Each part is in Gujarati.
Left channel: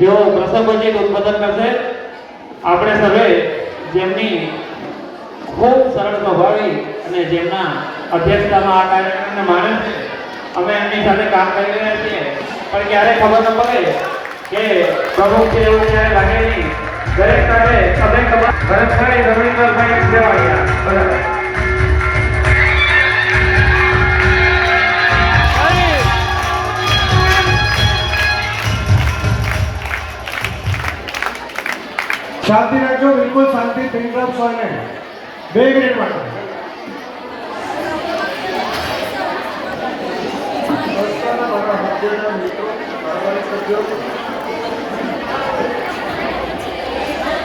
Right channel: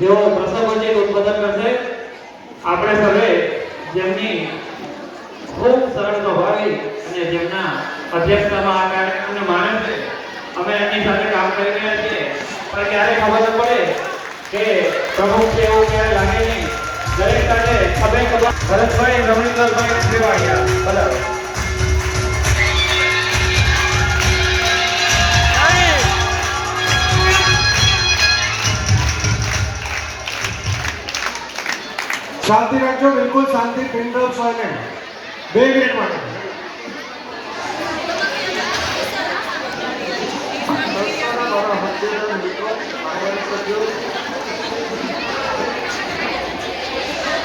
જેઓ પ્રસંગોચિત ઉદ્બોધન કરશે। આપણે સર્વે જેમની ખૂબ સરળ સ્વભાવી અને જેમના અધ્યક્ષતામાં આ કાર્યક્રમને માને છે, અમે એમની સાથે કામ કરી રહ્યા છીએ, પણ ક્યારે ખબર ન પડે કે પ્રમુખ છે એવું ક્યારે લાગે નહીં। દરેક સાથે તમે ભરતભાઈ રમણીકરભાઈ જેવા બરાબર शांति रखो, बिल्कुल शांति। पिन ड्रॉप सोने 2 मिनट માટે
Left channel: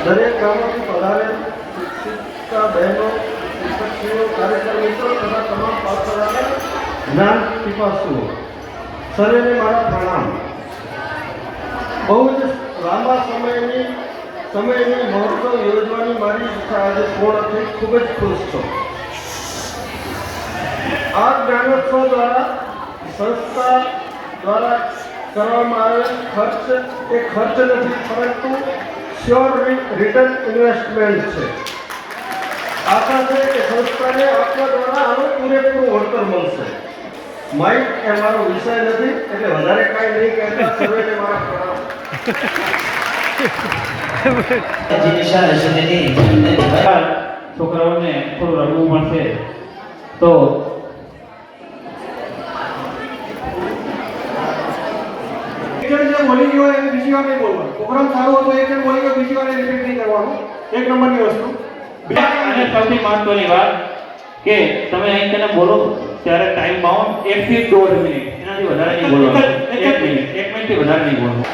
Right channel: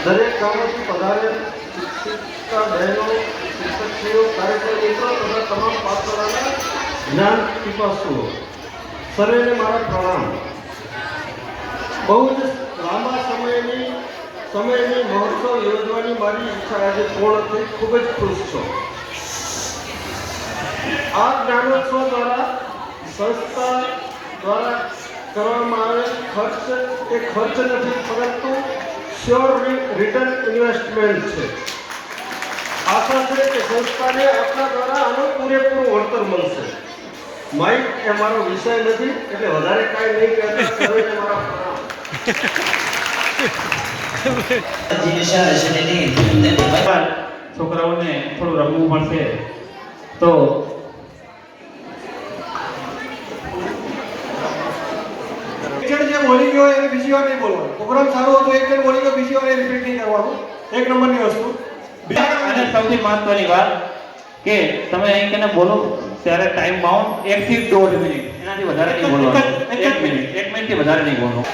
દરેક ગામોથી પધારેલ શિક્ષિકા બહેનો, શિક્ષકશ્રીઓ, કાર્યકર મિત્રો તથા તમામ પાઠશાળાના જ્ઞાન પીપાસુઓ સર્વેને મારા પ્રણામ। બહુ જ લાંબા સમયની મહોત્સવ યોજવાની મારી ઈચ્છા આજે પૂર્ણ થઈ। ખૂબ જ ખુશ છું। આ જ્ઞાનોત્સવ દ્વારા સંસ્થા દ્વારા કરવામાં આવેલ ખર્ચ એ ખર્ચ નથી, પરંતુ શ્યોર રિટર્ન ઇન્વેસ્ટમેન્ટ છે। આશા છે કે સંસ્થાને આપણા દ્વારા આનું પૂરેપૂરું વળતર મળશે। માઇક એ મારો વિષય નથી, એટલે વધારે કાંઈ નહીં કહેતા। સર્વેને મારા પ્રણામ। છોકરાઓને થોડું રમવું મળશે તો જે બોલી ગયો એને બીજી વાર નહીં બોલવાનું। પ્રોગ્રામ સારો હતો, એક જણ બોલી ગયો, બીજી વાર રિપીટ નહીં કરવાનું। 1 નંબરની વસ્તુ। અને સૌથી મહત્વની વાત કે તમે અહીં કેને બોલો ત્યારે ટાઈમ બાઉન્ડ 1 થી 1.5 મિનિટ, એનાથી વધારે નહીં બોલવાનું। 1 મિનિટથી વધારે નહીં બોલવાનું।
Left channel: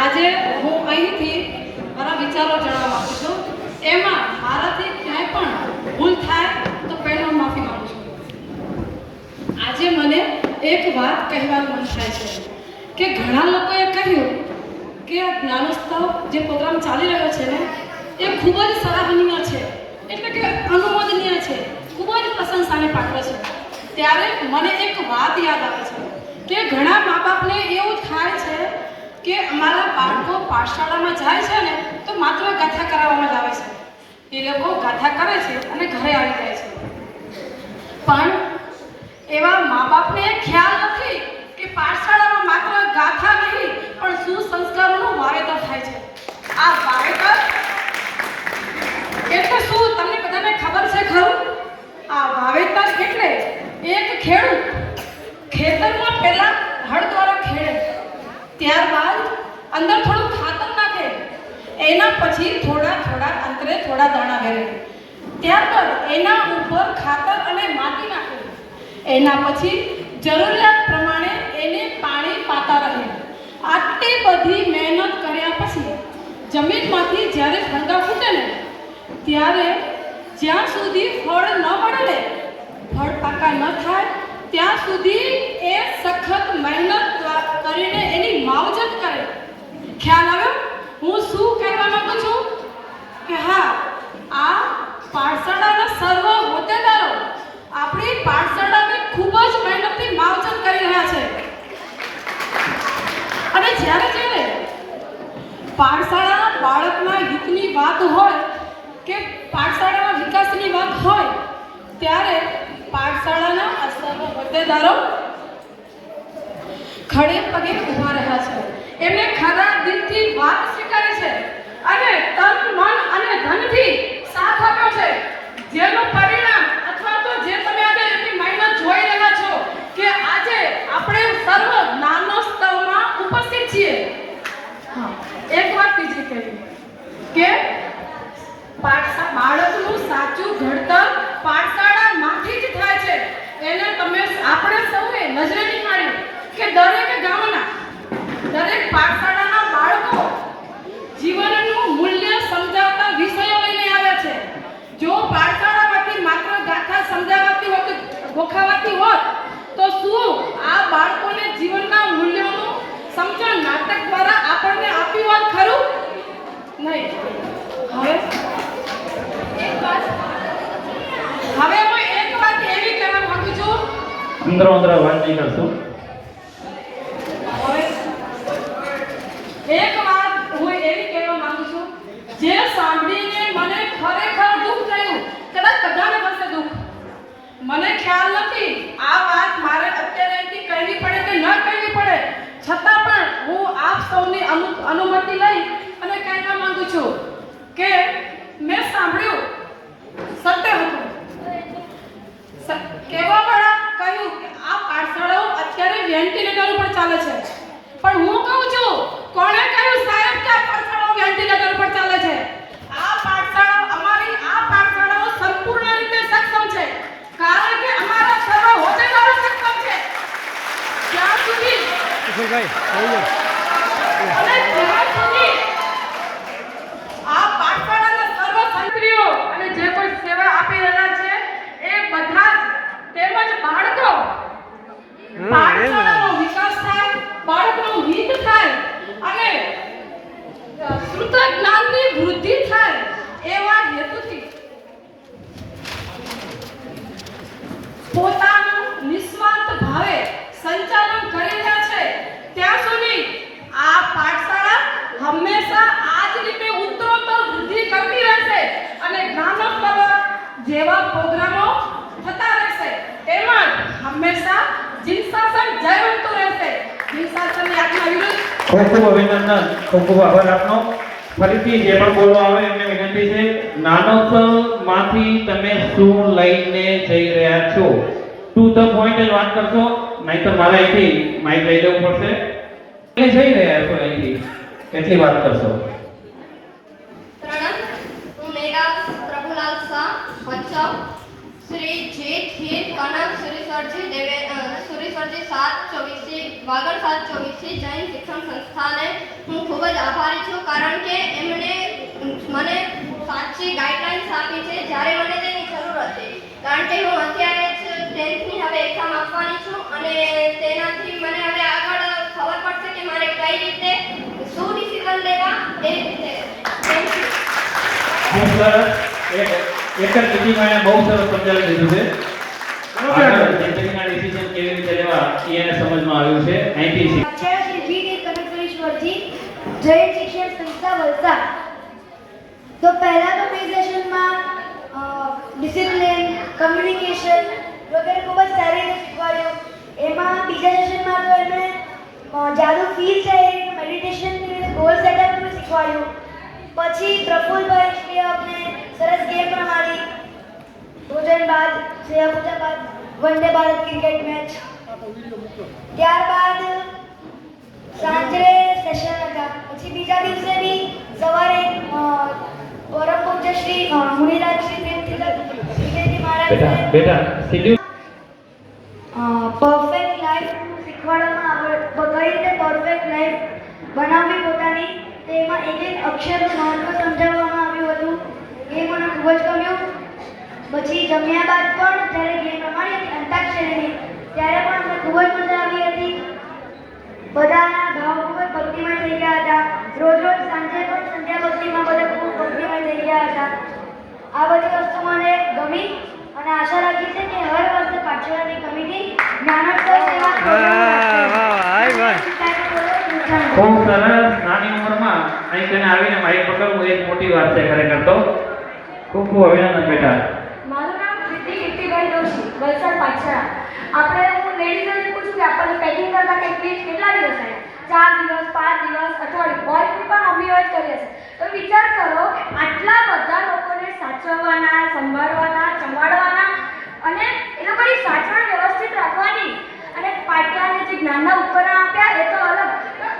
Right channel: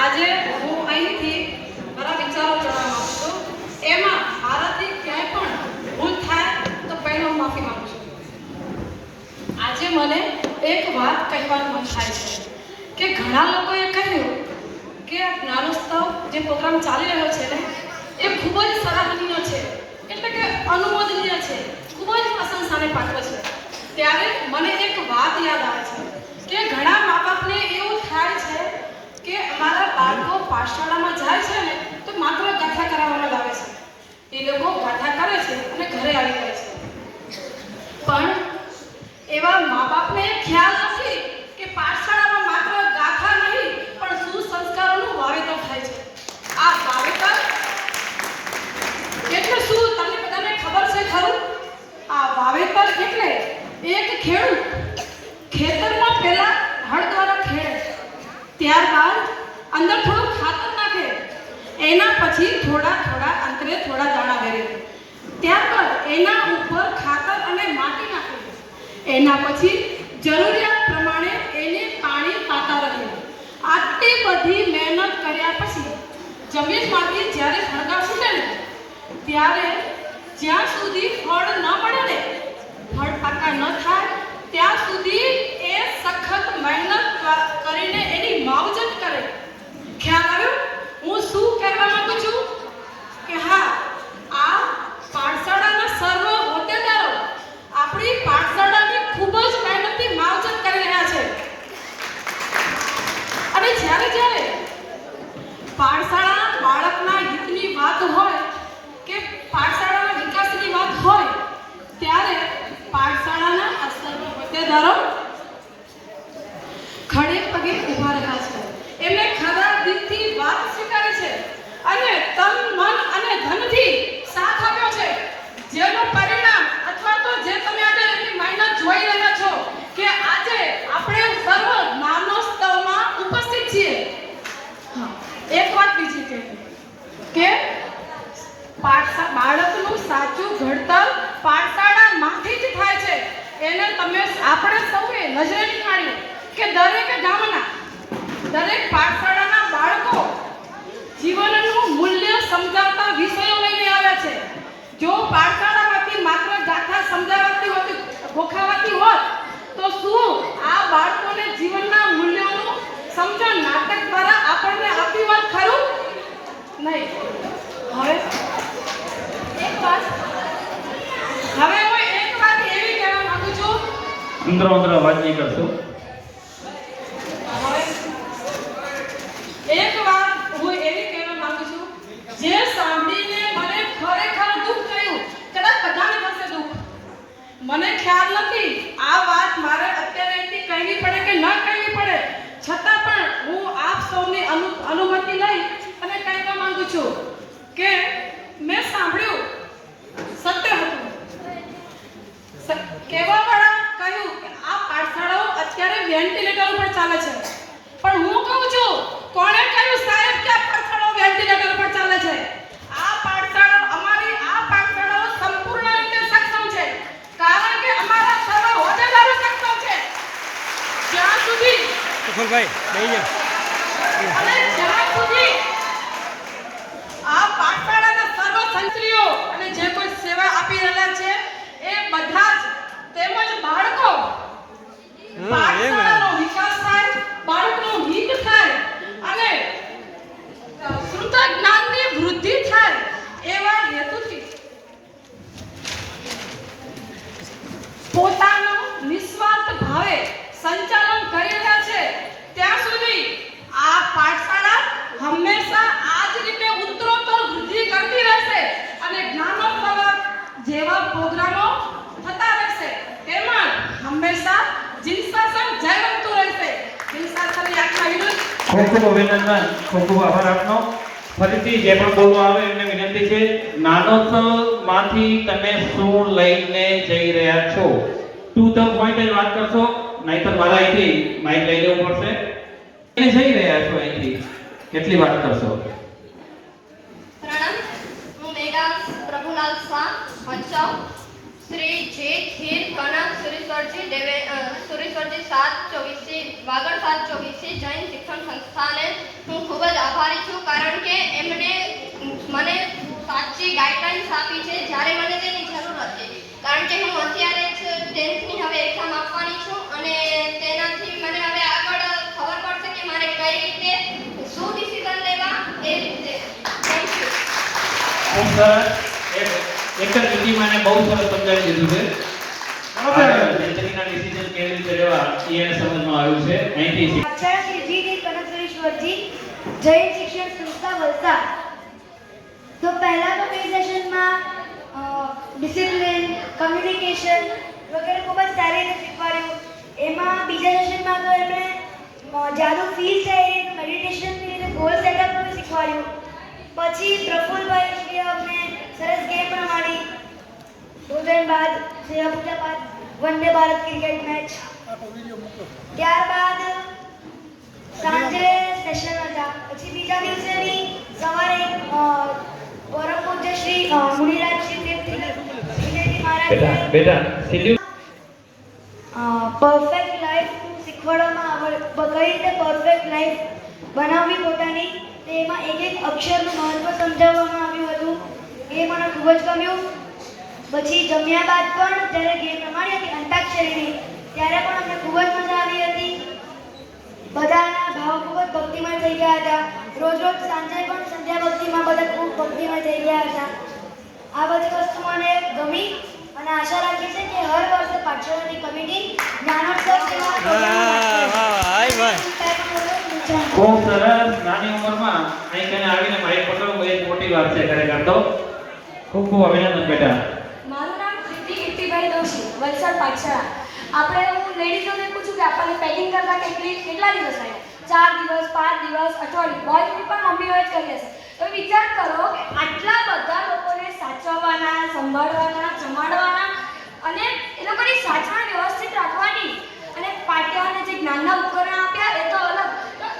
આજે હું અહીંથી મારા વિચારો જણાવવા માંગુ છું। એમાં મારાથી ક્યાંય પણ ભૂલ થાય તો પહેલો હું માફી માંગુ છું। આજે મને એક વાત કહેવાનું મન થાય છે કે ઘણા લોકોએ કહ્યું કે આ જ્ઞાનોત્સવ જે પ્રોગ્રામ ચાલી રહ્યો છે ને એ ખૂબ જ સરાહનીય છે, એટલે કે અનુમોદનીય છે, ખૂબ જ પ્રશંસાને પાત્ર છે। ત્યારે મને એક વાત યાદ આવે છે કે ઘણા મા બાપને એવું થાય છે કે અમારા બાળકો પાઠશાળામાં જાય છે ને તો માત્ર ગાથા કરાવવામાં જ આવે છે। એ લોકો ગાથા કરે છે અને ઘરે આવી જાય છે, પણ એવા મા બાપને ખ્યાલ નથી કે પાઠશાળામાં માત્ર ગાથા નહીં પણ સુસંસ્કારોનું વાવેતર થાય છે। આ વાવેતર એટલે શું તમને બધાને ખબર છે ખરું? આ વાવેતર એટલે એક ખેડૂત ખેતરમાં પહેલા હળ દ્વારા ખેડે, ત્યારબાદ અંદર થોડું ખાતર નાખે, એના પછી થોડા અંતરે થોડા દાણા વેરે, ત્યારબાદ એના ઉપર ખાતર અને માટી નાખે, એના પછી જરૂરિયાત પ્રમાણે એને પાણી પાતા રહે। આટલી બધી મહેનત કર્યા પછી જમીનમાંથી જ્યારે ફળગા ફૂટે ને ત્યારે જ્યાં સુધી ફળ ન મળે ને, ફળ પાકા ન થાય ત્યાં સુધી એ સખત મહેનત કરીને એની માવજત કરે। ખ્યાલ આવ્યો હું શું કહેવા માંગુ છું? કે હા, આ પાઠશાળાના સર્વ હોદ્દેદારો આપણી પાઠશાળાની ખૂબ જ મહેનતથી માવજત કરી રહ્યા છે। અને જ્યારે પાઠશાળાના બાળકના હિતની વાત હોય કે પાઠશાળાના વિકાસની વાત હોય ત્યારે પાઠશાળાના આ સર્વ હોદ્દેદારો ખડે પગે ઊભા રહ્યા છે। એમને ખરા દિલથી વાત સ્વીકારે છે અને તન મન અને ધનથી સાથ આપ્યો છે, જેનું પરિણામ અથવા તો જે તમે આજે એની મહેનત જોઈ રહ્યા છો કે આજે આપણે સર્વ જ્ઞાનોત્સવમાં ઉપસ્થિત છીએ। એક વાત બીજી કહી કે બાળકનું સાચું ઘડતર પાઠશાળામાંથી જ થાય છે। એને તમે આપણે સૌએ નજરે નિહાળ્યું કે દરેક ગામના દરેક પાઠશાળાના બાળકો જીવનનું મૂલ્ય સમજાવતા વિષયો લઈને આવે છે। જો પાઠશાળામાંથી માત્ર ગાથા સમજાવતી હોત, ગોખાવાતી હોત તો શું આ બાળકોને જીવનના મૂલ્યોનું સમજણ નાટક દ્વારા આપણને આપી હોત ખરું? નહીં। હવે હું એક વાત એવી કહેવા માંગુ છું અંદરો અંદર અવાજ નહીં કરશો. એક વાત હું એવી કહેવા માંગુ છું, જે સાંભળીને મને ખરેખર દુઃખ થયું. કદાચ બધાને થશે દુઃખ, મને ખ્યાલ નથી આ વાત મારે અત્યારે અહીંથી કહેવી પડે કે ન કહેવી પડે, છતાં પણ હું આપ સૌની અનુમતિ લઈ અને કહેવા માંગુ છું કે મેં સાંભળ્યું સત્ય હતું. કહેવાવાળા કહ્યું કે આ પાઠશાળાઓ અત્યારે વેન્ટિલેટર ઉપર ચાલે છે, પણ હું કહું છું, કોણે કહ્યું સાહેબ કે આ પાઠશાળાઓ વેન્ટિલેટર ઉપર ચાલે છે? આ પાઠશાળાઓ, અમારી આ પાઠશાળાઓ સંપૂર્ણ રીતે સક્ષમ છે, કારણ કે અમારા સર્વ હોદ્દેદારો સક્ષમ છે. જ્યાં સુધી અને જ્યાં સુધી આ પાઠશાળાના સર્વ સંત્રીઓ અને જે કોઈ સેવા આપી રહ્યા છે એ બધા જ, તેમજ બાળકો, પાઠશાળાનો વિકાસ થાય, બાળકનું હિત થાય અને શુદ્ધ જ્ઞાનની વૃદ્ધિ થાય એવા હેતુથી પોતાનું નિસ્વાર્થ ભાવે સંચાલન કરી રહ્યા છે. ત્યાં સુધી આ પાઠશાળા હંમેશા આ જ રીતે ઉત્તરોત્તર વૃદ્ધિ કરતી રહેશે અને જ્ઞાનોત્સવ જેવા પ્રોગ્રામો થતા રહેશે. તેમજ હંમેશા જીનશાસન જયવંતું રહેશે. જીનશાસનની આજ્ઞા વિરુદ્ધ ખૂબ ખૂબ અભિનંદન, ખૂબ ખૂબ આભાર આપનો. ફરીથી જે પણ બોલવા આવે એમને વિનંતી છે, નાનોત્સવમાંથી તમે શું લઈને જઈ રહ્યા છો, ટુ ધ પોઈન્ટ જ વાત કરશો, નહીંતર મારા અહીંથી માઇક લઈ લેવું પડશે. તમે જઈ રહ્યા છો અહીંથી કેટલી વાત કરશો? પ્રણામ, હું મેઘા પ્રભુલાલ શાહ, ભચાઉ. શ્રી જે ખીર કનક સુરેશ્વરજી 724 વાગડ 724 જૈન શિક્ષણ સંસ્થાને હું ખૂબ જ આભારી છું, કારણ કે એમણે મને સાચી ગાઈડલાઇન્સ આપી છે જ્યારે મને તેની જરૂર હતી. કારણ કે હું અત્યારે જ 10th ની હવે એક્ઝામ આપવાની છું અને તેનાથી મને હવે આગળ ખબર પડશે કે મારે કઈ રીતે શું ડિસિઝન લેવા એ રીતે. Thank you. ખૂબ સરસ. એક જ લીટીમાં બહુ સરસ સમજાવી દીધું છે. આગળ જિંદગીના ડિસિઝન કેવી રીતે લેવા એને સમજમાં આવ્યું છે. અહીંથી આચાર્ય શ્રી જી કે કનકશ્વરજી, જૈન શિક્ષણ સંસ્થા વલસાડ. તો પહેલા તો બે સેશનમાં ડિસિપ્લિન, કમ્યુનિકેશન વગેરે ખૂબ જ સારી રીતે શીખવાડ્યું. એમાં બીજા સેશનમાં તો એમણે જાદુ ફીલ થાય એ રીતે મેડિટેશનની રીતે ગોલ સેટઅપનું શીખવાડ્યું. પછી પ્રફુલ્લભાઈ શ્રી અમને સરસ ગેમ રમાડી. ભોજન બાદ સેવા પૂજા બાદ વંદે ભારત ક્રિકેટ મેચ. ત્યારબાદ સાંજે સેશન હતા. પછી બીજા દિવસે બી સવારે પરમ પૂજ્ય શ્રી મુનિરાજ શ્રી દેવજી મહારાજ બેટા સીધું પરફેક્ટ લાઈફ શીખવાડવામાં કઈ રીતે પરફેક્ટ લાઈફ બનાવવી પોતાની, તેમાં એક એક અક્ષરનું મહત્વ સમજાવવામાં આવ્યું હતું. એ મને ખૂબ જ ગમ્યું. પછી જમ્યા બાદ પણ જ્યારે ગેમ રમાડી હતી અંતાક્ષરીની, ત્યારે પણ અમને ખૂબ જ મજા આવી હતી. બધાના ભાવ ખૂબ જ ભક્તિમય થઈ ગયા હતા. રોજ રોજ સાંજે પણ સંધ્યા ભક્તિમાં બધા ખૂબ ભક્તિમય થઈ ગયા હતા. આ બધી વસ્તુ મને ગમી અને આશા રાખી છે કે હર વર્ષે પાઠશાળાની કમિટી જ્ઞાનોત્સવ સેવા ખૂબ સરસ. નાની ઉંમરમાં અહીં કઈને આવીને માઇક પકડવું એ જ મોટી વાત છે ખરેખર તો. ખૂબ ખૂબ અભિનંદન બેટા. મારું નામ સિદ્ધિ કીર્તિભાઈ દોશી, વલસાડ પાઠશાળા. આપણે હું લેડીઝોને પૂછું કે આપણને પેકિંગ કરતા કેટલા દિવસ થયા? 4 દિવસ, 5 દિવસ, અઠવાડિયું. બોયઝની પણ મમ્મીઓ જ કરી હશે. તો વિચાર કરો કે આટલા બધા લોકોને સાચવવાના, સંભાળવાના, જમાડવાના અને એ લોકોની સાચવણ વ્યવસ્થિત રાખવાની, અને પાઠશાળાને જે જ્ઞાનના ઉપકરણ આપ્યા એ તો અલગ.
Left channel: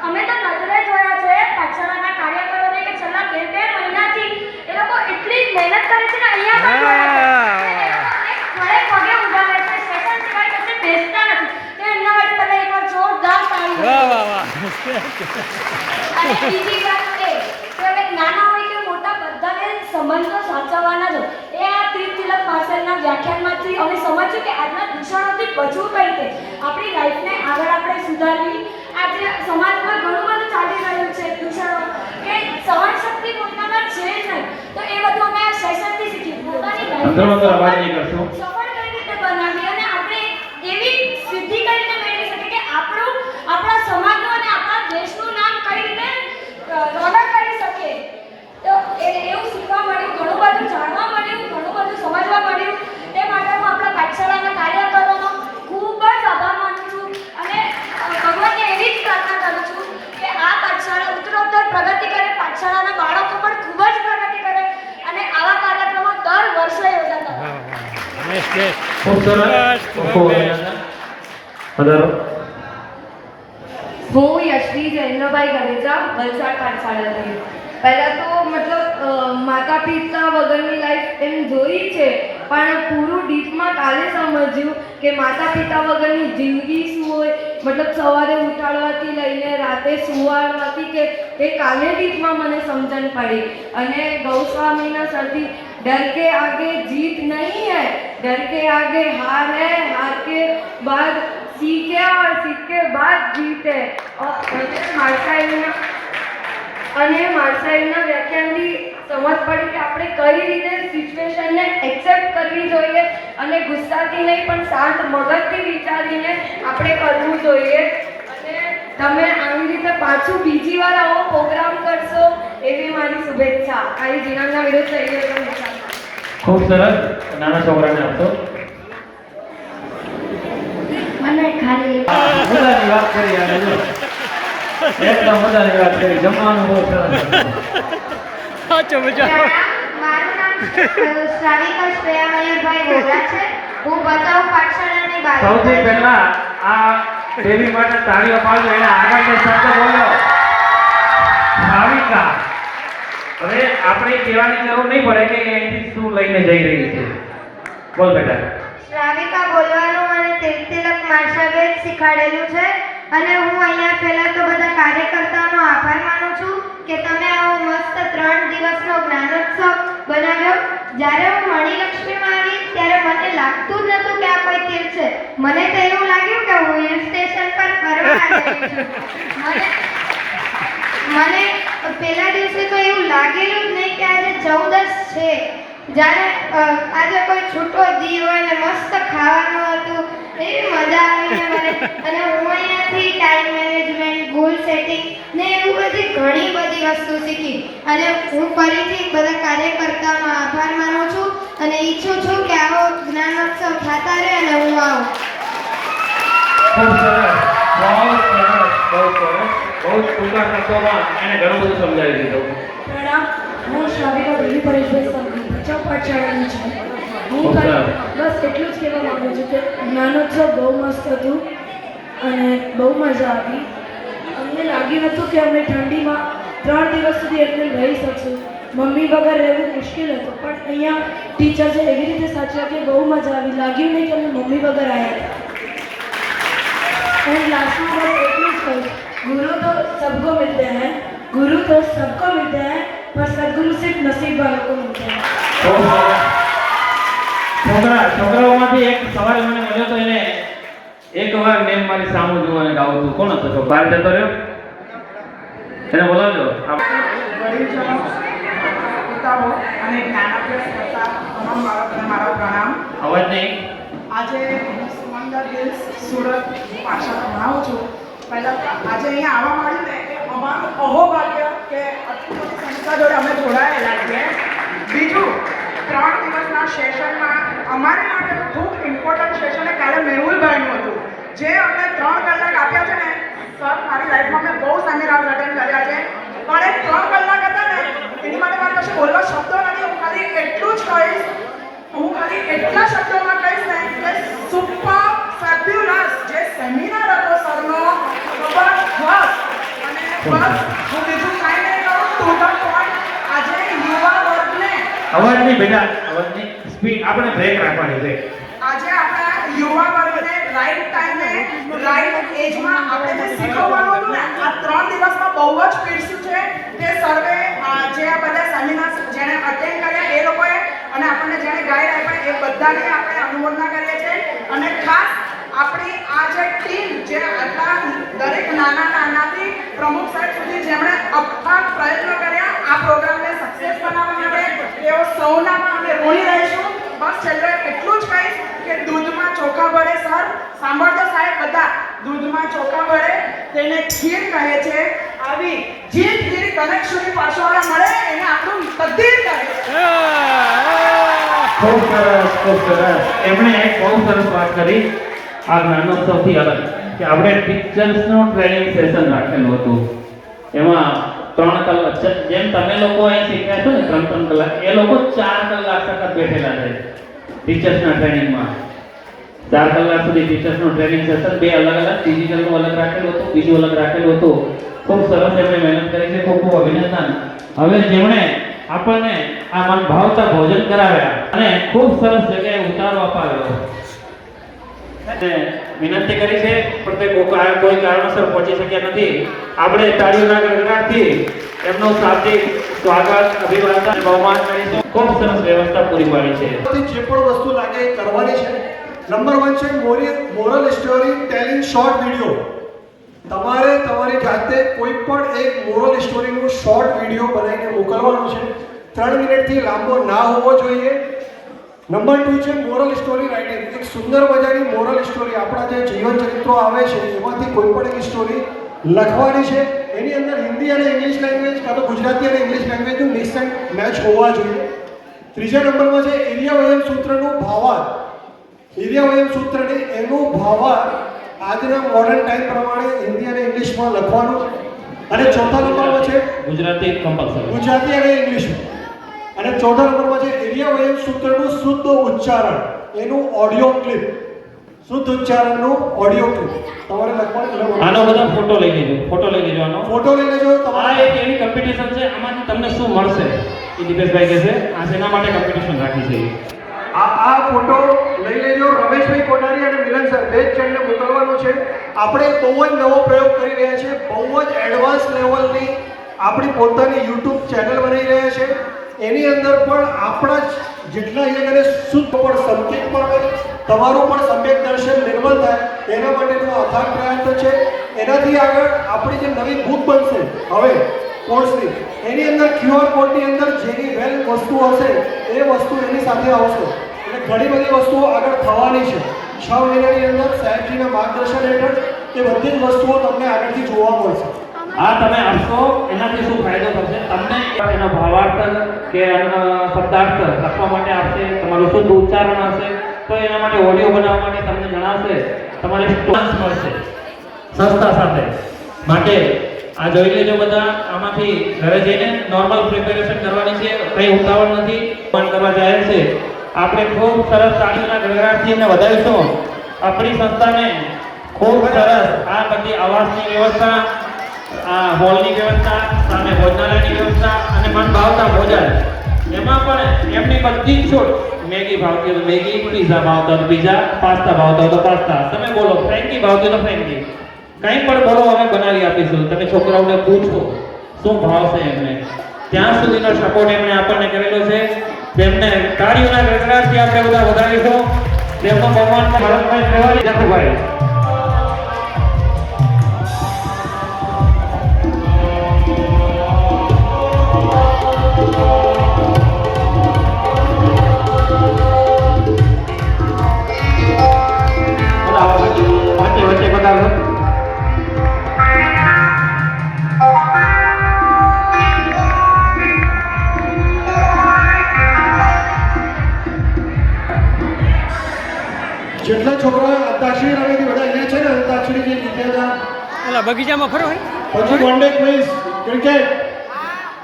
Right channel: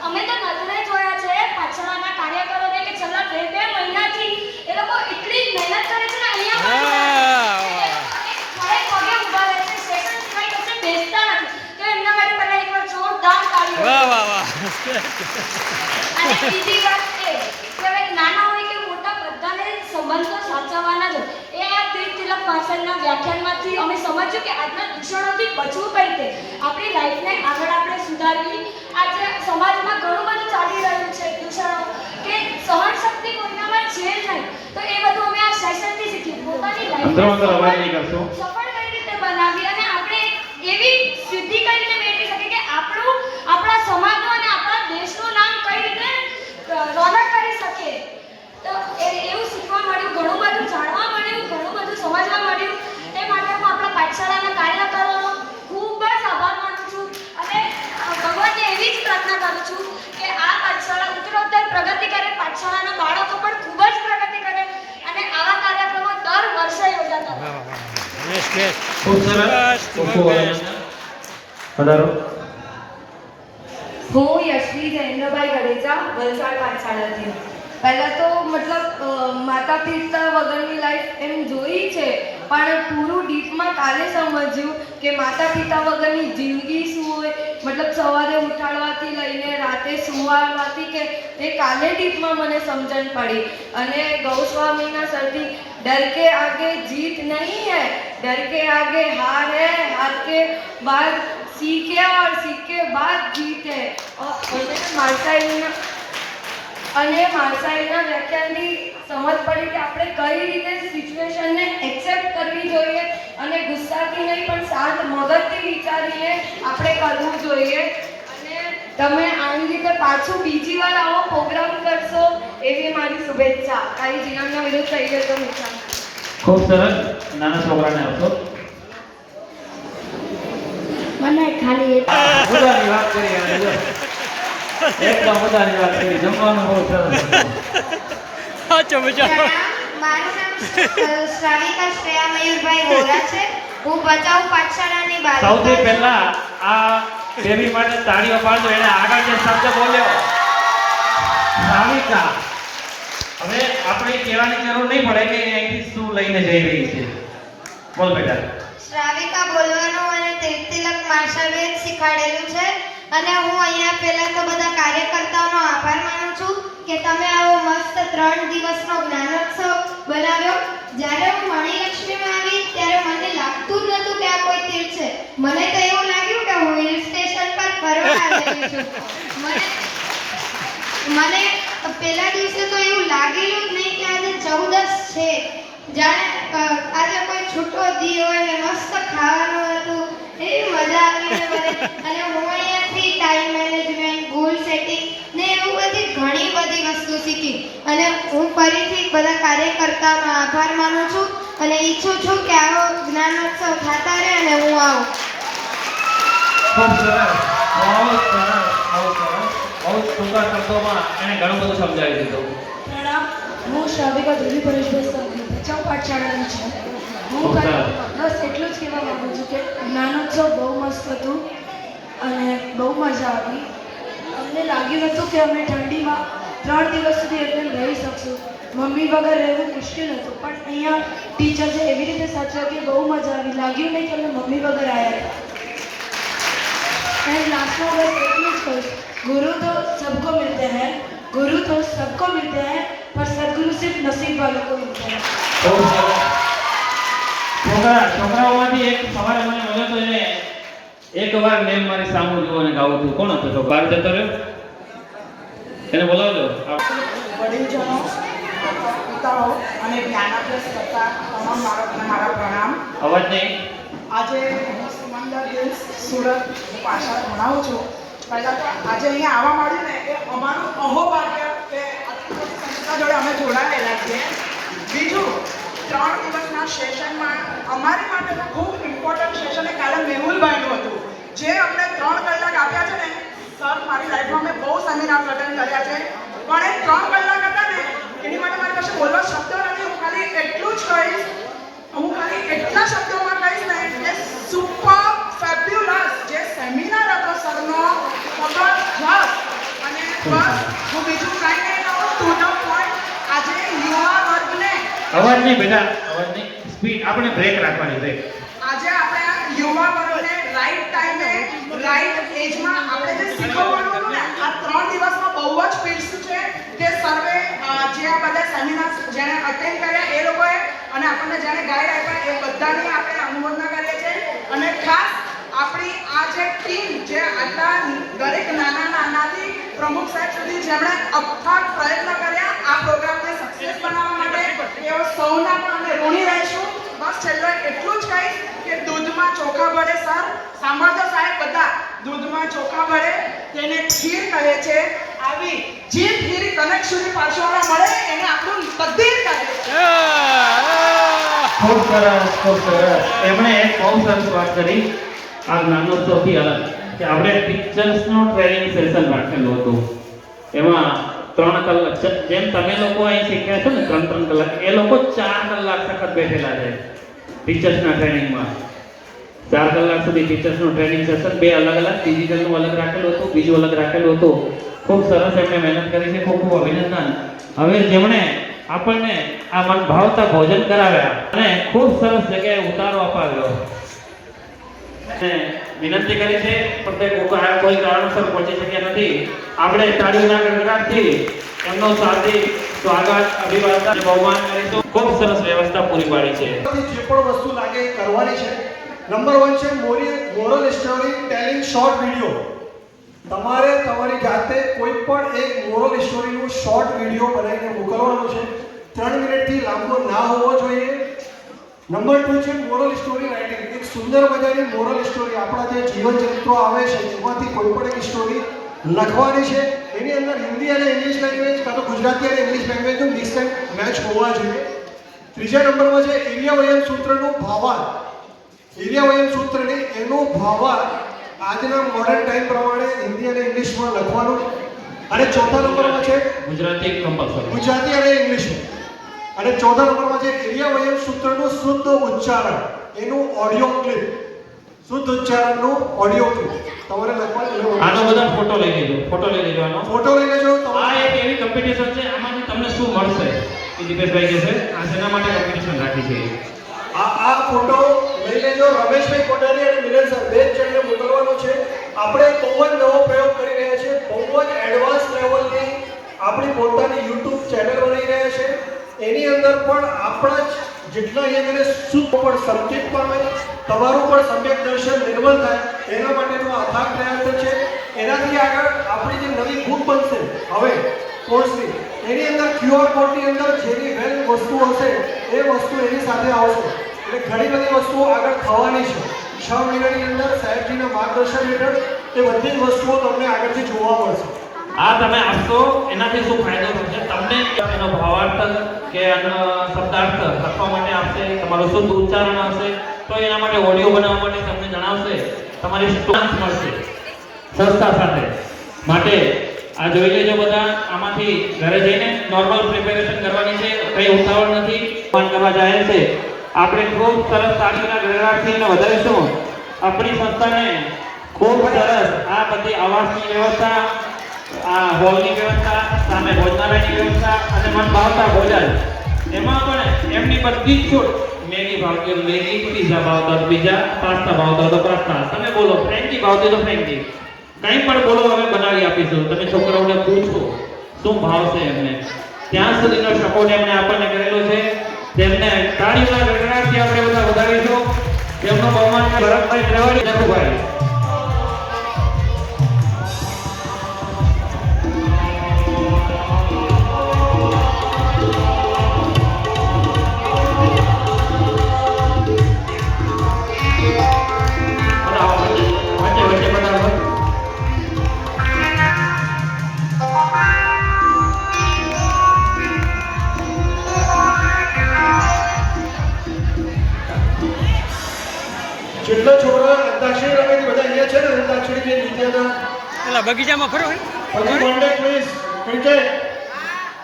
અમે તો નજરે જોયા છે પાઠશાળાના કાર્યકરોને કે છેલ્લા 2 મહિનાથી એ લોકો એટલી મહેનત કરે છે ને અહીંયા ખડે પગે ઊભા રહે છે, સેશન સિવાય કશે બેસતા નથી. તો એમના માટે તમે એકવાર જોરદાર તાળી વાહ. અને બીજી વાત એ કે હવે નાના હોય કે મોટા બધાને સંબંધો સાચવવાના જ હોય. એ આ તીર્થતિલક પાછળના વ્યાખ્યાનમાંથી અમે સમજ્યું કે આજના દૂષણોથી બચવું કઈ રીતે, આપણી લાઈફને આગળ આપણે સુધારવી. આજે સમાજમાં ઘણું બધું ચાલી રહ્યું છે દૂષણો, કે સહન શક્તિ પોતાનામાં છે જ નહીં. તો એ બધું અમે આ સેશનથી શીખ્યું. પોતાની લાઈફને સફળ કઈ રીતે બનાવવી અને આપણે એવી ખૂબ સરસ. ખૂબ વધારો. હું યશવી જૈનભાઈ ગરેજા વલસાડ પાઠશાળાથી. પહેલાં તો મતલબ માતા પિતા વગરની લાઈફ એમ જોઈ છે, પણ પૂરું ડીપમાં કાલે સમજ્યું કે માતા પિતા વગરની જિંદગી શું હોય. મતલબ સવારે ઉઠાડવાથી લઈને રાતે સુવામાંથી કે તે કાલે ડીપમાં મને સમજણ પડી. અને ગૌસ્વામીના સરથી डर के आगे जीत नहीं है, डर के आगे हार है, हार के बाद सीखे और सीख के बाद जीत है. અને માણસાઈના વ્યાખ્યાનથી સમજ પડી કે આપણે કઈ રીતે સિચ્યુએશનને એક્સેપ્ટ કરવી જોઈએ અને ગુસ્સાથી નહીં પણ શાંત મગજથી વિચારીને આપણે કરવું જોઈએ. અને તમે આવી રીતે પાછું બીજી વાર આવો પ્રોગ્રામ કરશો એવી મારી શુભેચ્છા. આવી જીવનના વિરુદ્ધ થઈ ગયો છે. ખૂબ સરસ. નાના છોકરાને આપો. મને ખાલી મુદ્દાની વાત કરી અને જો એકદમ મુદ્દાની વાત કરી. જમવાનું બહુ સરસ. મારું નામ શ્રાવિકા શ્રેયા મયુરભાઈ વોરા છે. હું ભચાઉ પાઠશાળાની બાળકી સૌથી પહેલા આ બેબી માટે તાળીઓ પાડજો. એને આગળ જે શબ્દ બોલ્યો ભાવિકા, હવે આપણે કહેવાની જરૂર નહીં પડે કે અહીંથી શું લઈને જઈ રહી છે. બોલ બેટા. શ્રાવિકા બોલવાનું અને તિલક માર્શલે શીખવાડેલું છે. અને હું અહીંયા પહેલા તો બધા કાર્યકર્તાઓનો આભાર માનું છું કે તમે આવો મસ્ત 3 દિવસનો જ્ઞાનોત્સવ બનાવ્યો. જ્યારે હું મણિલક્ષ્મીમાં આવી ત્યારે મને લાગતું જ નહોતું કે આ કોઈ તીર્થ છે. મને તો એવું લાગ્યું કે હું હિલ સ્ટેશન પર ફરવા આવી છું. મને પહેલા દિવસે તો એવું લાગેલું જ નહીં કે આજે 14 છે. જાણે આજે કોઈ છૂટો દી હોય ને મસ્ત ખાવાનું હતું. એવી મજા આવી ને મને. અને હું અહીંયાથી ટાઈમ મેનેજમેન્ટ, ગોલ સેટિંગ ને એવું બધી ઘણી બધી વસ્તુ શીખી. અને હું ફરીથી બધા કાર્યકર્તાનો આભાર માનું છું અને ઈચ્છું છું કે આવો જ્ઞાનોત્સવ થતા રહે અને હું આવું. ખૂબ સરસ. બહુ સરસ. બહુ ટૂંકા શબ્દોમાં એને ઘણું બધું સમજાવી દીધું. પ્રણામ. હું શ્રાવિકા દેવી પરેશભાઈ સંઘવી ભચાઉ પાઠશાળાની છું. હું બસ એટલું જ કહેવા માગું છું કે જ્ઞાનોત્સવ બહુ મસ્ત હતું અને બહુ મજા આવી. અમને લાગ્યું નહોતું કે અમે ઠંડીમાં 3 દિવસ સુધી એટલે રહી શકશું. મમ્મી વગર રહેવું મુશ્કેલ હતું, પણ અહીંયા ટીચર્સે એવી રીતે સાચવ્યા કે બહુ મજા આવી. લાગ્યું નહીં કે અમે મમ્મી વગર આવ્યા હતા. एंड लास्ट में बस એટલું જ કહીશ, गुरु तो सबको मिलते हैं, गुरु तो सबको मिलते हैं, पर सदगुरु सिर्फ नसीब वालों को मिलते हैं. છોકરાઓમાંથી એક સવાલ અમને મળ્યો તો એને એકવાર મેમ મારી સામું જોવાને ગાવું હતું. કોણ હતો? બહાર જતો રહ્યો. એને બોલાવજો. વડીલજનો, પિતાઓ અને જ્ઞાનાભ્યાસ કરતા તમામ બાળકોને મારા પ્રણામ. અવાજ નહીં. આજે હું સમંદર હિલ્સ સુરત પાઠશાળા ભણાવું છું. પહેલાં તો આજે અહીંયા આવવા મળ્યું ને એ અમારું અહોભાગ્ય કે આટલી બધી સંસ્થા જોડે અમે જોડાયેલા છીએ. બીજું, 3 દિવસના સેશનમાં અમારી માટે તો ખૂબ ઇમ્પોર્ટન્ટ સેશન એ કાલે મેહુલભાઈનું હતું, જે અમને 3 કલાક આપ્યા છે ને. સર, મારી લાઈફમાં મેં બહુ સેમિનાર અટેન્ડ કર્યા છે, પણ એ 3 કલાક હતા ને એની માટે મારી પાસે બોલવા શબ્દો નથી. હું ખાલી એટલું જ કહીશ, હું ખાલી એટલા શબ્દોમાં કહીશ ને કે સુપર ફેબ્યુલસ જે સેમિનાર હતો સરનો, જબરજસ્ત. અને બસ હું બીજું કાંઈ નહીં કહું, ટુ ધ પોઈન્ટ. આજે યુવા વર્ગને અવાજ નહીં બેટા, અવાજ નહીં. સ્પીડ આપણે બ્રેક રાખવાની બ્રેક. આજે આપણા યુવા વર્ગને રાઈટ ટાઈમે રાઈટ એજમાં આપણે જે શીખવવાનું હતું ને આ 3 દિવસમાં બહુ જ પીરસ્યું છે. તે સર્વે જે આ બધા સેમિનાર જેને અટેન્ડ કર્યા એ લોકોએ અને આપણને જેને ગાઈડ આપ્યા એ બધાને આપણે અનુમોદના કરીએ છીએ. અને ખાસ આપણી આ જે ટીમ જે આટલા દરેક નાનાથી પ્રમુખ સાહેબ સુધી જેમણે અથાગ પ્રયત્ન કર્યા આ પ્રોગ્રામને સક્સેસ બનાવવા માટે, એઓ સૌના પણ અમે ઋણી રહીશું. બસ છેલ્લે એટલું જ કહીશ કે દૂધમાં ચોખા ભળે. સર સાંભળજો સાહેબ બધા, દૂધમાં ચોખા ભળે તેને ખીર કહે છે. આવી જે ખીર કનેક્શનની પાછળવાળા મળે એને આપણું તકદીર કહે છે. ખૂબ સરસ, ખૂબ સરસ. એમણે એક બહુ સરસ વાત કરી આ જ્ઞાનોત્સવથી અલગ કે આપણે ટીચર્સનો ટ્રેનિંગ સેશન રાખેલું હતું. એમાં 3 કલાક જેમ તમે લોકો અહીં શીખ્યા છો ને 3 કલાક, એ લોકો 4 કલાક સખત બેઠેલા છે. ટીચર્સના ટ્રેનિંગમાં 4 કલાક સુધી ટીચર્સનું ટ્રેનિંગ સેશન, 2 અલગ અલગ, ડિજિટલનું અલગ રાખેલું હતું, બીજું અલગ રાખેલું હતું. ખૂબ સરસ એમણે મહેનત કરી છે, ખૂબ ખૂબ અભિનંદન. હવે જેમણે આપણને આ મન ભાવતા ભોજન કરાવ્યા અને ખૂબ સરસ જગ્યાએ ઉતારો અપાવ્યો અને વિનંતી કરી છે, પણ તે કોઈ કારણોસર પહોંચી શક્યા નથી. આપણે તાળીઓના ગડગડાટથી એમનું શાબ્દિક સ્વાગત, અભિવાદન, બહુમાન કરીશું. ખૂબ સરસ વ્યવસ્થા પૂરી પાડી છે. જે પણ વસ્તુ લાગે એ કરવાની છે. નંબર 1 છે moral story telling short video. તમારે તમારી જાતે કોઈ પણ એક મોરલ સ્ટોરીનું શોર્ટ વિડિયો બનાવીને મોકલવાનો છે. 3 મિનિટથી લાંબો ના હોવો જોઈએ. નંબર 2 છે મોરલ સ્ટોરી રાઇટિંગ. એક સુંદર મજાની મોરલ સ્ટોરી, આપણા જે જીવન ચરિત્રો આવે છે એમાંથી કોઈ પણ એક સ્ટોરી લખવાની છે. એની અંદર હિન્દી અને ઇંગ્લિશ લેંગ્વેજ કાં તો ગુજરાતી અને ઇંગ્લિશ લેંગ્વેજનું મિક્સ એન્ડ મેચ હોવા જોઈએ. ત્રીજા નંબરમાં છે એરિયા વયમ સૂત્રનું ભાવાર્થ. એરિયા વયમ સૂત્રની એનું ભાવાર્થ આજના મોડર્ન ટાઈમ પ્રમાણે હિન્દી અને ઇંગ્લિશમાં લખવાનું. અને ચોથા નંબરમાં છે ગુજરાતી કમ્પલસરી, ગુજરાતી અને ઇંગ્લિશમાં. અને ચોથા નંબરમાં છે એરિયા વયમ સૂત્રનું શુદ્ધ ઉચ્ચારણ, એનું ઓડિયો ક્લિપ, શુદ્ધ ઉચ્ચારણનું ઓડિયો ક્લિપ તમારે લખવાનું. આનો બધા ફોટો લઈ લેજો, આનો ફોટો લઈ લેજો. આ એક એની કોમ્પિટિશન છે. આમાંથી તમને શું મળશે એ દીપેશભાઈ કહે છે. આ શેના માટે કોમ્પિટિશન રાખી છે? આ ફોટો લઈ લેજો. રમેશભાઈ કોટારી અને મિલન સર બે જણને મોકલવાનો છે. આપણે બહુ જ નવો પ્રયોગ કરી રહ્યા છીએ. બહુ જ એડવાન્સ લેવલની આપણી પોતાની YouTube ચેનલ બનાવી રહ્યા છે. એની અંદર પણ આપણા જેટલા અહીંયા શુદ્ધ પણ સંકેત પણ હોય, તમારું પણ સમ્યક દર્શન નિર્મળ થાય એના માટેનો અથાગ પ્રયાસ છે. એનાથી આગળ આપણી જે નવી બુક બનશે હવે કોર્સની, એની અંદર QR કોડની અંદર જેની વેલ વસ્તુ હશે એ વસ્તુ એની સાથે આવશે. એટલે ઘણી બધી વસ્તુઓ આગળ થવાની છે. 6 મહિનાની અંદર સાહેબજીના માર્ગદર્શન હેઠળ એ બધી જ વસ્તુઓ તમને આગળથી જોવા મળશે. આ તમે આપશો એનાથી શું ફાયદો થશે? તમને એનો ભાવાર્થ કે એનો શબ્દાર્થ લખવા માટે આપશે, તમારું શુદ્ધ ઉચ્ચારણ હશે, તો એના માટે ઓડિયો બનાવવા માટે તમને જણાવશે, તમારે સ્ટોન્સ મળશે સંસ્થા સાથે. માટે આ જોઈ લેજો બધા. આમાંથી ઘરે જઈને નોર્મલ પ્રિપેરેશન કરવાની છે, કંઈ ઉતાવળ નથી, પણ કરવા જાય છે. આપણે ખૂબ સરસ તાળીઓના ગડગડાટથી એને વધારીશું. આપણી સંસ્થાને ખૂબ સરસ આ બધી આવાસની વ્યવસ્થા, આ હોલની વ્યવસ્થા, સામે ભોજનાલયની વ્યવસ્થા અને મન ભાવતા ભોજન, એમાં પણ એમની બધી જ છૂટ. મેગી ભાવતી હોય તો મેગી, પીઝા ભાવતા હોય તો પીઝા, પાસ્તા ભાવતા હોય તો પાસ્તા, તમે બોલો ફ્રેન્કી ભાવતી હોય તો ફ્રેન્કી, કંઈ પણ બોલો અમે બનાવી આપીશું. તમે છોકરાઓને પૂછો શું ભાવશે એમને. ત્યાં સુધીનો સપોર્ટ એમણે આપણને કરેલો છે. તેમને તાળીઓના ગડગડાટથી આપણે બધા વધારીશું. તેમનું બહુમાન ભરતભાઈ ત્રેવાડી, જખુભાઈ. જેટલા છોકરા અંતાક્ષરી રમે છે બધા અહીંયા છે ને, અંતાક્ષરી જે જીત્યા હતા બગીચામાં ફરો હોય પછી વન ડે ક્વિઝ ક્રિકેટ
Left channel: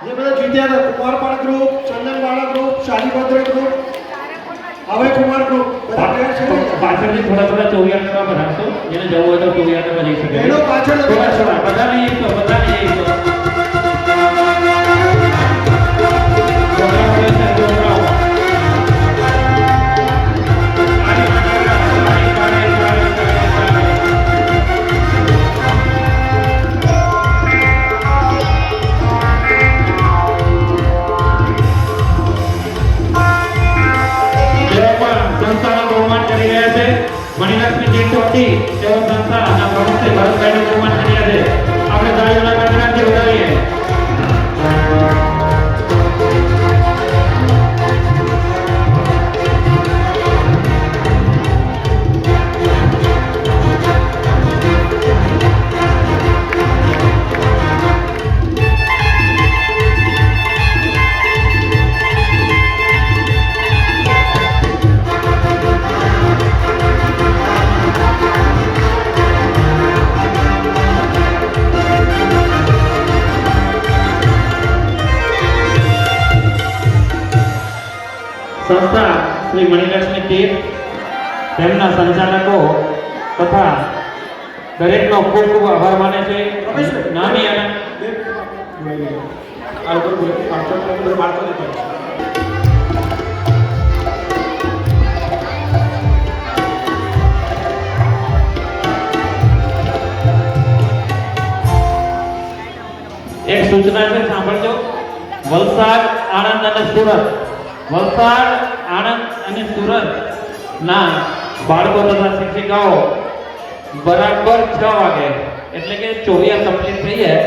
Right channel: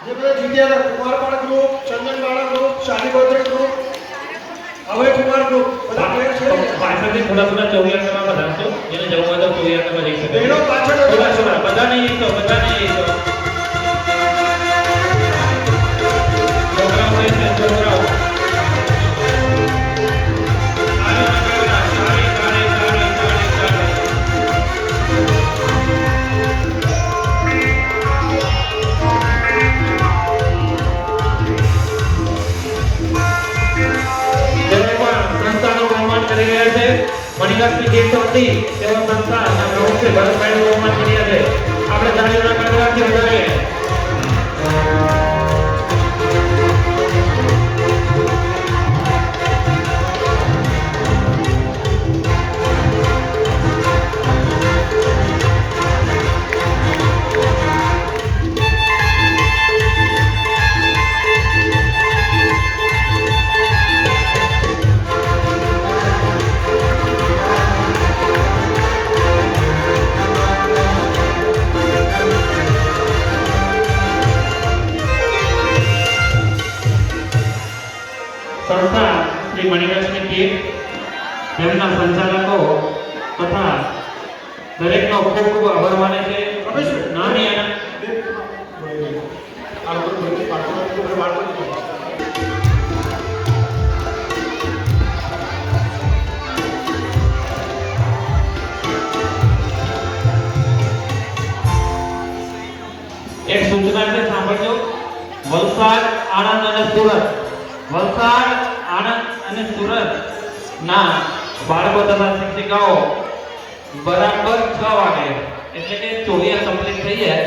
જે બધા જીત્યા હતા, કુમારપાડા ગ્રુપ, ચંદનવાળા ગ્રુપ, શાહીભદ્ર ગ્રુપ, અભય કુમાર ગ્રુપ, બધા પ્લેયર છે ને. પાછળથી થોડા ચોરિયા કરવા વધારશો. જેને જવું હોય તો ચોરિયા કરવા જઈ શકે. એનો પાછળ થોડા બધા નહીં, તો બધા નહીં. મણિલક્ષ્મી ગીત હતી તેઓ સંસ્થા અને ભરતભાઈ ભરતભાઈનું બહુમાન કર્યા છે. આપણે તાળીઓના ગડગડાટથી વધારીએ. તેમના સંચાલકો તથા દરેકનો ખૂબ ખૂબ આભાર માને છે. નાની અને એક સૂચના છે, સાંભળજો. વલસાડ, આણંદ અને સુરત, વલસાડ, આણંદ અને સુરત ના બાળકો તથા શિક્ષિકાઓ બરાબર 6 વાગે એટલે કે ચોરિયા કમ્પ્લીટ થઈ જાય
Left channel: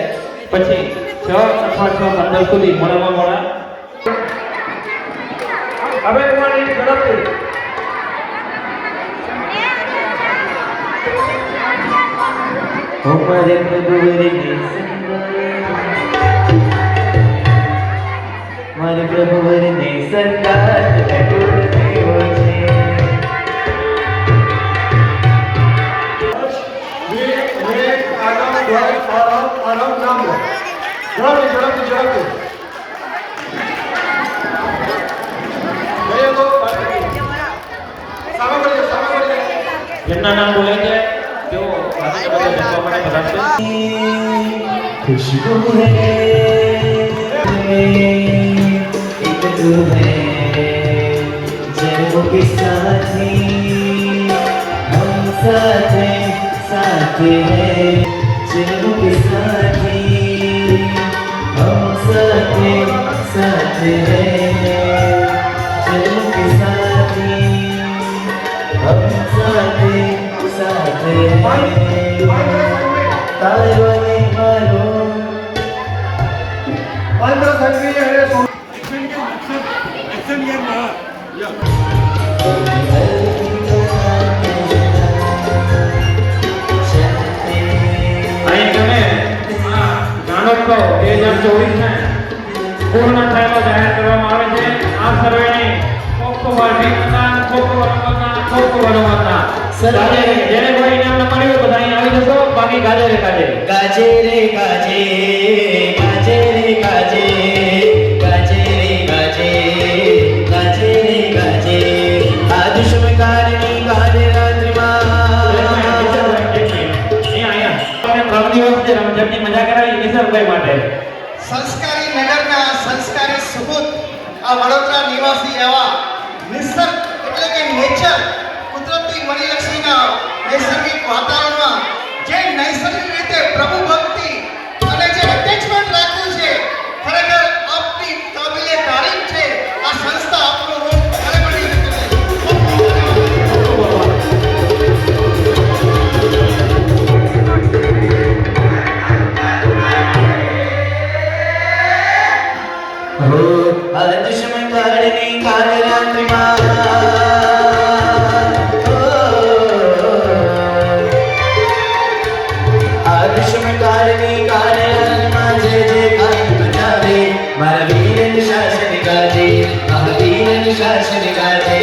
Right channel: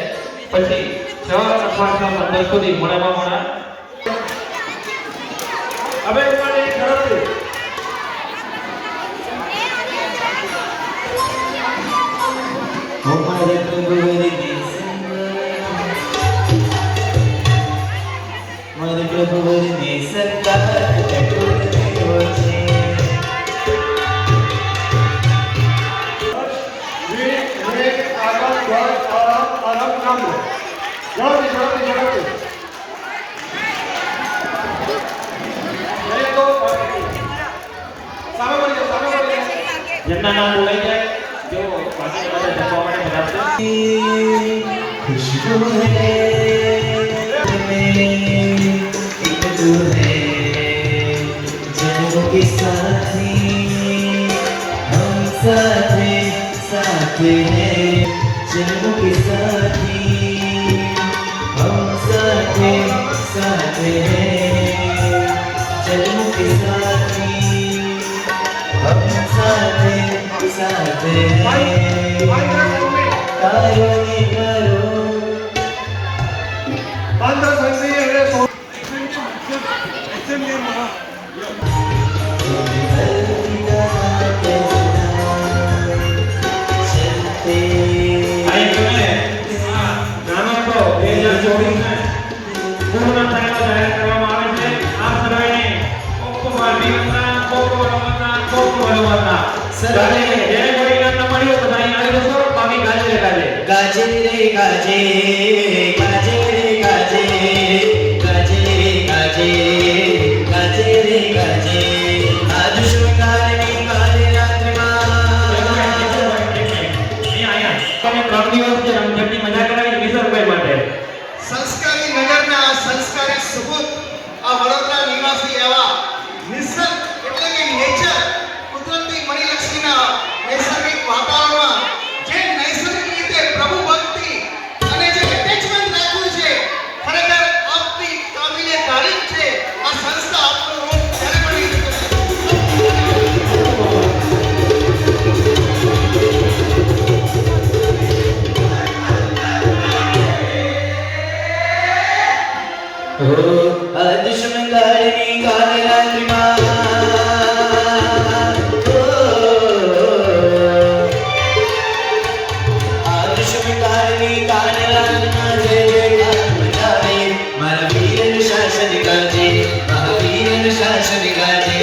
પછી 6 અથવા 6:15 સુધી મોડામાં મોડા હવે તમારી ગણતરી મારે પ્રભુ વરને સરદાર અટૂટ થયો છે. જેમના નામ બોલાઈ જાય તેઓ વાસ્તવમાં બધા છે. खुशबू है एक तू है जन्मों के साथी हम साथ हैं जन्मों के साथी हम साथ हैं जन्मों के साथी हम साथ हैं तारो ने मारो આંધ્ર સંઘી અને અહીં તમે આ જાણો છો 2024 પૂર્ણ થયેલો જાહેર કરવામાં આવે છે. આ સર્વેની જેને કોઈ ઇનામ ન મળ્યું તો અહીં આવી જશો, બાકી ગાજે રે ગાજે. गाजे रे गाजे गाजे रे गाजे गाजे रे गाजे गाजे रे गाजे आदुष्म कालनी काले रात्रिमा અહીંયા 3 દિવસ જે રમઝટની મજા કરાવી કિશોરભાઈ માટે. સંસ્કારી નગરના સંસ્કારી સુપુત આ વડોદરા નિવાસી એવા નિસર્ગ એટલે કે નેચર કુદરતી મણિલક્ષ્મીના નૈસર્ગિક વાતાવરણમાં જે નૈસર્ગિક રીતે પ્રભુ ભક્તિ અને જે એટેચમેન્ટ રાખ્યું છે, ખરેખર આપની કાબિલે તારીફ છે. આ સંસ્થા આપનો રોલ ખરેખર आदुष्म कालनी काले रात्रिमा आदुष्म कालनी काले रात्रिमा जय जयकार मचावे महावीरन शासन गाजे महावीरन शासन गाजे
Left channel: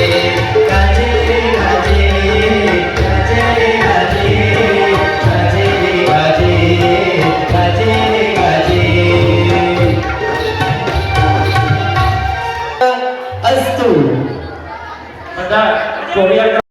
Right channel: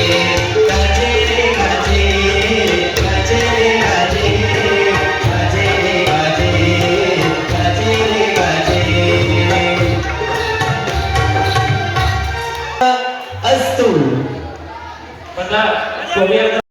गाजे गाजे गाजे गाजे गाजे गाजे गाजे गाजे अस्तु બધા ચોરિયા